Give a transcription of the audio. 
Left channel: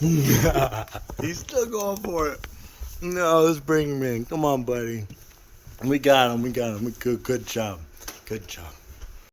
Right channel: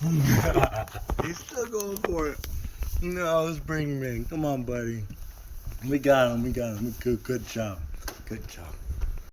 He's still going for it. No, let's bring him in. Come on, buddy. We got him. We got him. Good job. Good job.